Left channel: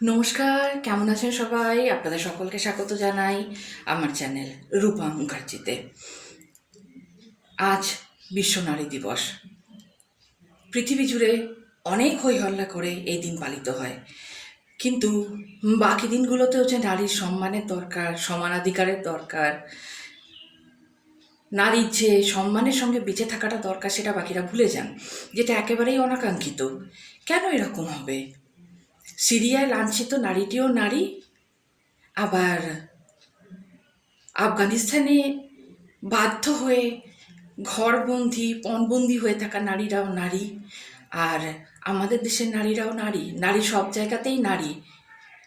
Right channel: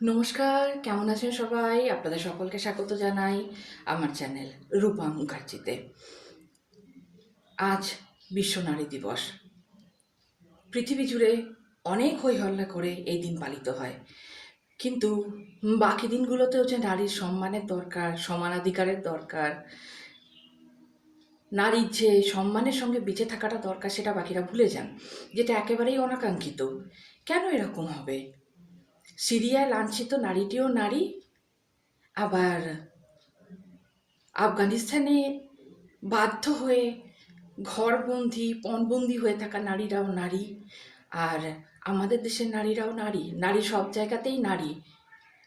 নমস্কার, কেমন আছেন সবাই? আপনাদের সকলকে স্বাগত জানাই আমার চ্যানেল রূপা মুখার্জিতে। আজ বিশ্ব নারী দিবস। পৃথিবী জুড়ে অনেক হইহল্লা করে এই দিন পালিত হয়, কিন্তু বাকি দিনগুলোতেও যে নারীর সম্মানের দরকার, সমানাধিকারের দরকার, নারীর যে সম্মানের সঙ্গে বেঁচে থাকাটা দরকার, সেটা বাকিরা ভুলে যান, যেটা একেবারেই অনাকাঙ্ক্ষিত। কেন এরকম হবে? সিরিয়ায় লাঞ্ছিত নারীটিও নারী, আবার আফগানিস্তানে বাধ্য হয়ে ঘরবন্দি পণবন্দি হয়ে থাকা নারীরাও নারী, আর আমাদের দেশের নারীরাও নারী। নারী সব জায়গাতেই নারী।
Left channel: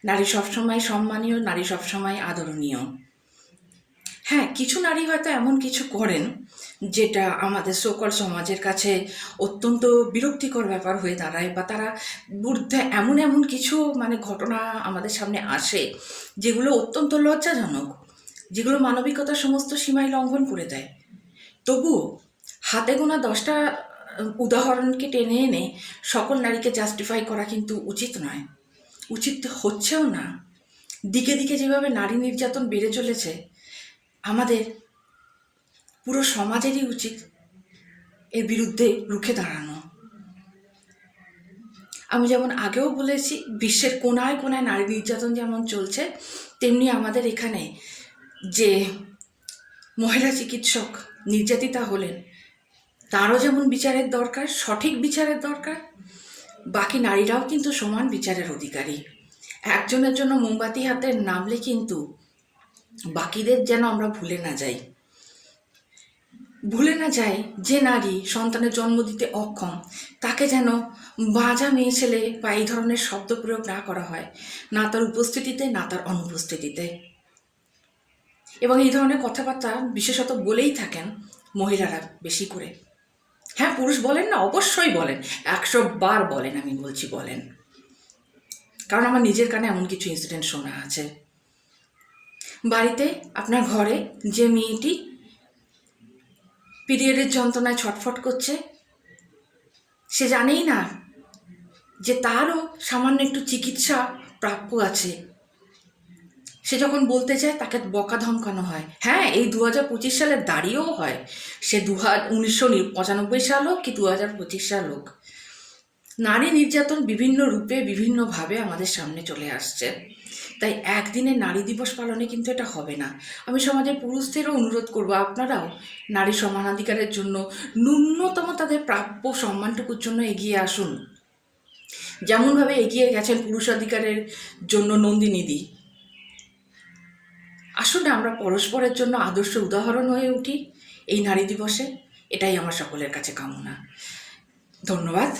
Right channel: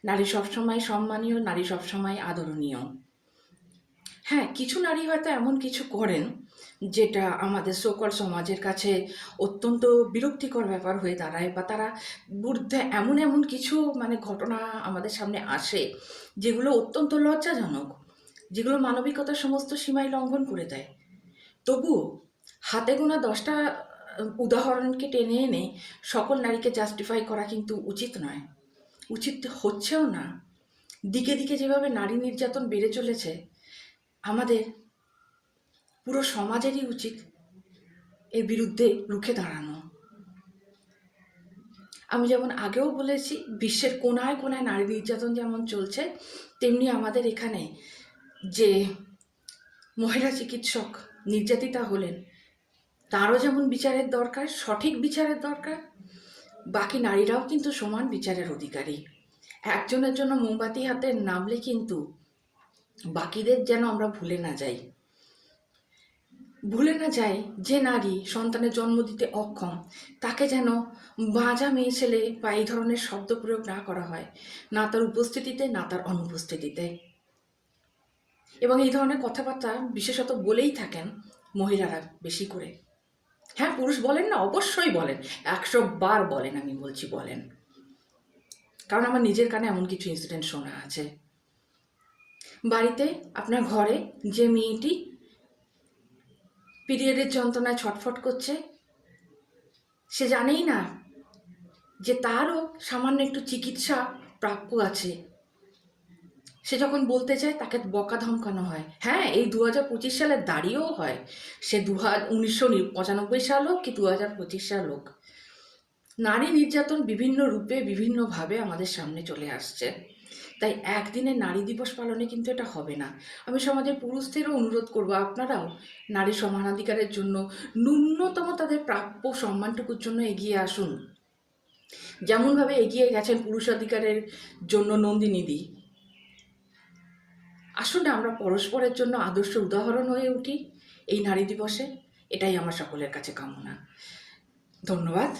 নারী সবসময় সম্মানীয়, নারী সবসময় আদরণীয়। হ্যাঁ, কিছু নারী হয়তো এমন কিছু করেন যেটা আমাদের সকল সমাজের কাছে অত্যন্ত বিরক্তিকর ব্যাপার হয়ে দাঁড়ায়, বা তারা বুদ্ধে এমন এমন কিছু ঘটনা আমাদের সামনে আসে যেগুলো অত্যন্ত লজ্জাজনক, যেগুলো মানবিকতার সমস্ত সীমাই লঙ্ঘন করে দেয়। তবুও হাতে গোনা 10টা উদাহরণকে টেনে এনে সকল নারীকে জাস্টিফাই করা কিন্তু উচিত নয়, উচিত হচ্ছেও না। দিকে দিকে যেভাবে নারী নির্যাতন বেড়ে চলেছে, আমাদের পুরো সমাজেরই উচিত এর বিরুদ্ধে রুখে দাঁড়ানো। আমি যেমন আগেও বলেছি, বিশ্বের কোনায় কোনায় নারী নির্যাতন যেমন চলছে, তেমনি আমাদের এখানে যে মহিলা চিকিৎসক নির্যাতিতা হলেন, তারও যেমন বিচারের দরকার, সঠিক বিচারের দরকার, বাকি নারীরাও কিন্তু সমান বিচারের অধিকারী। একজনের জন্য মোমবাতি হাতে নামলে কিন্তু বাকিদের যেন আমরা ভুলে না যাই যে নারী সন্তানের জন্ম দিতে অক্ষম, তাকে যেন বাঁচা মেয়ে ছেলে বা এই ধরনের শব্দ প্রয়োগ না করা হয়, না তার উপস্থিতিতে না তার অনুপস্থিতিতে। এবং এই ধরনের কথাবার্তা বিশেষত বলেই থাকেন মহিলারা বেশি করে। হ্যাঁ, পুরুষ বলেন না, অবশ্যই বলেন, 100 বার বলেন, আমি বলছি বলেন, কারণ আমার নিজের কানে এমন কিছু ইনসিডেন্ট শোনা আছে। বাড়িতে আপনার ঘরে যে মেয়েটি পিরিয়ডের যন্ত্রণায় ছটফট করছে, সে জানেই না যে তারও সামান্য একটু চিকিৎসা প্রাপ্য আছে, সে যখন বলতে চায় তাকে বকা ধমকানো হয়। হ্যাঁ, এই 2025 সালে দাঁড়িয়েও হয়, সে 1995 সাল হোক কি 2025 সাল হোক, নারী নির্যাতন বিভিন্ন রূপে বিভিন্নভাবে আমাদের সামনে চলে আসছে। তাই একদিনে নারী দিবস পালনে কিন্তু এটা হবে না। আমি সমাজের পুরুষদেরও অনুরোধ করব, আপনারাও নারী সমানাধিকারের জন্য ন্যূনতম তাদের প্রাপ্য সম্মানটুকুর জন্য এগিয়ে আসুন। যেমনভাবে এগিয়ে গেছেন পুরুষাধিকারের জন্য নন্দিনীদি। আসুন আমরা পরস্পরের জন্য আদর্শ উদাহরণ হয়ে উঠি এই নারী দিবসে। এটাই আমার সকলের কাছে কামনা। ধন্যবাদ।